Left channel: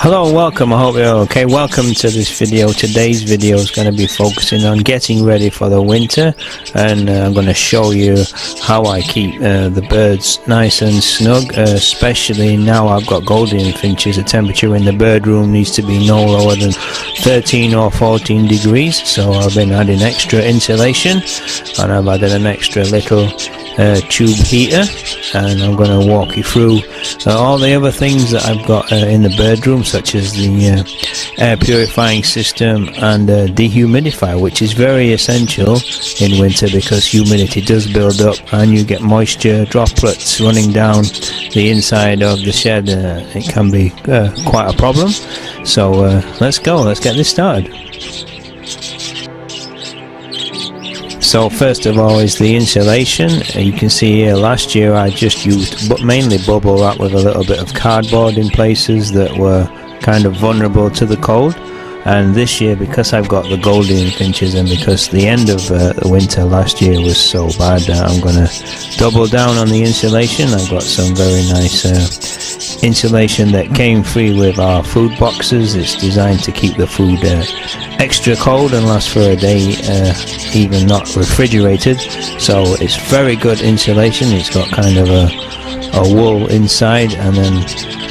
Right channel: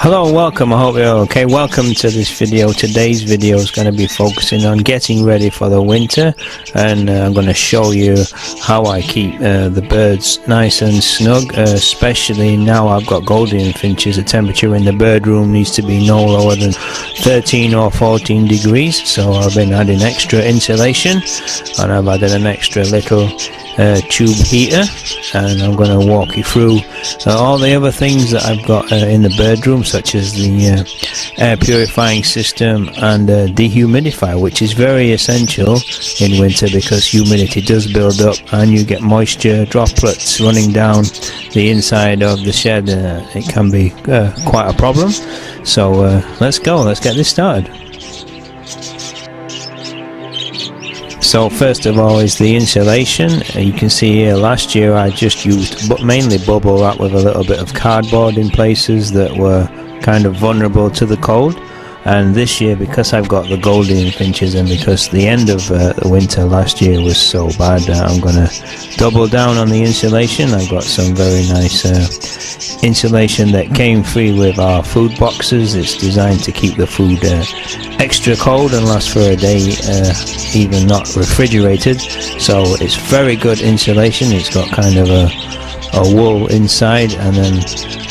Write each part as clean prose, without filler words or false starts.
Hello, welcome. I hope you're okay. Welcome to this video. Today's video is going to be focusing on getting ready for the winter, and I'm going to show you how I keep the birds nice and snug, especially now I've got Gouldian finches. The temperature in the bird room needs to be no lower than 13 or 14 degrees, so I've been adding extra insulation, and I've added an extra little tube heater, and I'm going to walk you through all the other things that I've got in the bird room, such as the air purifying system and dehumidifier, which is very essential in winter because humidity does build up and you get moisture droplets running down the inside of the shed. It can be quite a problem, so let's get this started. So first of all is the insulation. You can see here last year I just used mainly bubble wrap with a little bit of cardboard in places that were kind of vulnerable to the cold, and this year, because I've got the Gouldian finches and because the end of the winter last year was so bad, I'm going to double down on the insulation. I got some very nice insulation that came free with our food boxes. It's designed to keep the food extra cold and last for a day, even not refrigerated, so it's very good insulation. It's got kind of a wool inside and then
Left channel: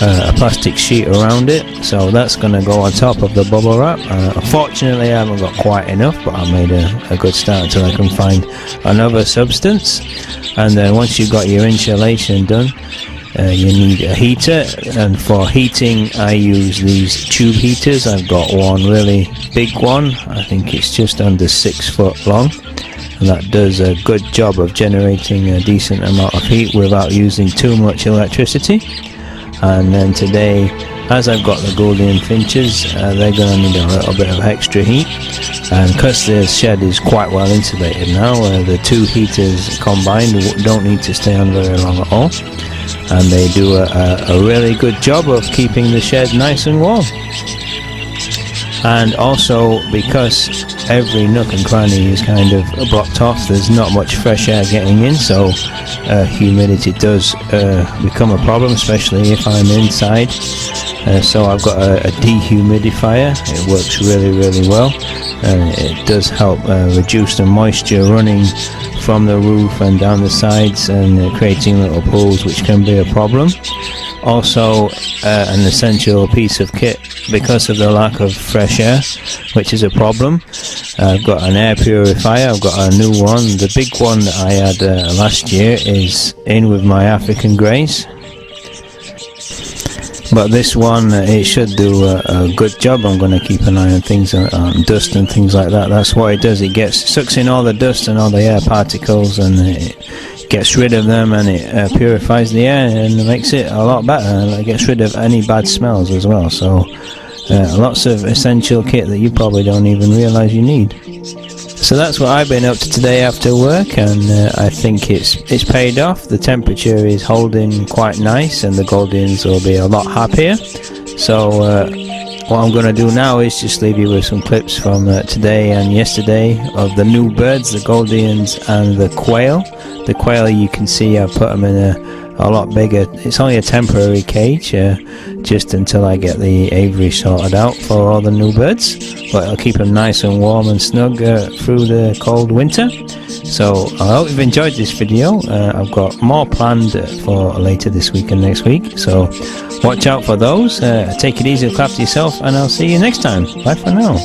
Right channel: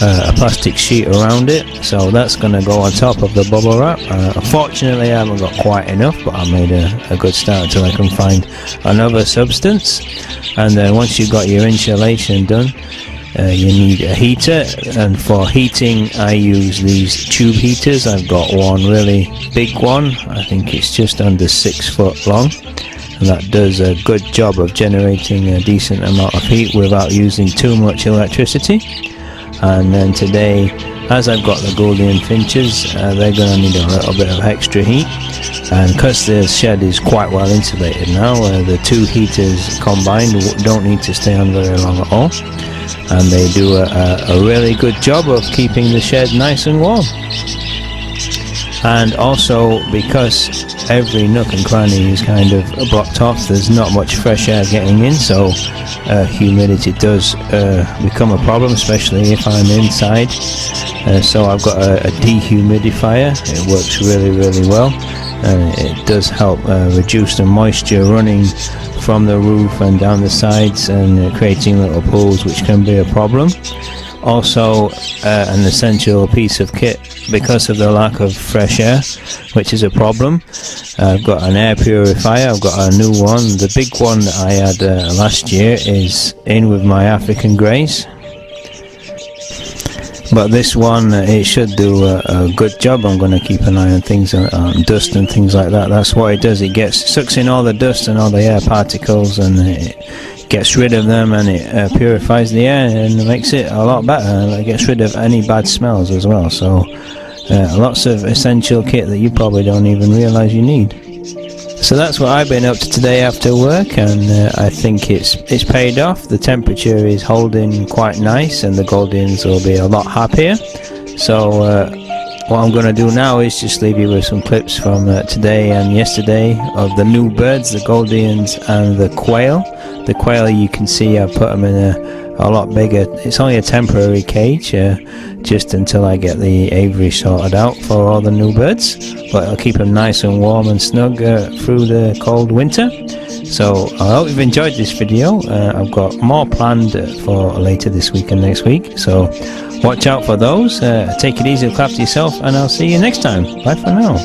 a plastic sheet around it, so that's going to go on top of the bubble wrap. Unfortunately I haven't got quite enough, but I made a good start until I can find another substance. And then once you've got your insulation done, you need a heater, and for heating I use these tube heaters. I've got one really big one, I think it's just under 6 foot long, and that does a good job of generating a decent amount of heat without using too much electricity. And then today, as I've got the Gouldian finches, they're going to need a little bit of extra heat, and because the shed is quite well insulated now, the two heaters combined don't need to stay on very long at all, and they do a really good job of keeping the shed nice and warm. And also, because every nook and cranny is kind of blocked off, there's not much fresh air getting in, so humidity does become a problem, especially if I'm inside. So I've got a dehumidifier. It works really well, and it does help reduce the moisture running from the roof and down the sides and creating little pools, which can be a problem. Also an essential piece of kit because of the lack of fresh air, which is a problem. I've got an air purifier. I've got a new one. The big one that I had last year is in with my African greys, but this one it should do a good job. I'm going to keep an eye on things, on dust and things like that. That's what it does. It sucks in all the dust and all the air particles, and it gets rid of them, and it purifies the air and makes it a lot better, and it gets rid of any bad smells as well. So lots of essential kit that you probably don't even realize you need. So that's what I've been up to today after work, and I think it's paid off. The temperature is holding quite nice, and the Gouldians will be a lot happier. So what I'm going to do now is just leave you with some clips from today and yesterday of the new birds, the Gouldians and the quail. The quail, you can see I've put them in a lot bigger. It's only a temporary cage, just until I get the aviary sorted out for all the new birds, but I'll keep them nice and warm and snug through the cold winter. So I hope you've enjoyed this video. I've got more planned for later this week and next week, so watch out for those. Take it easy, look after yourself, and I'll see you next time. Bye for now.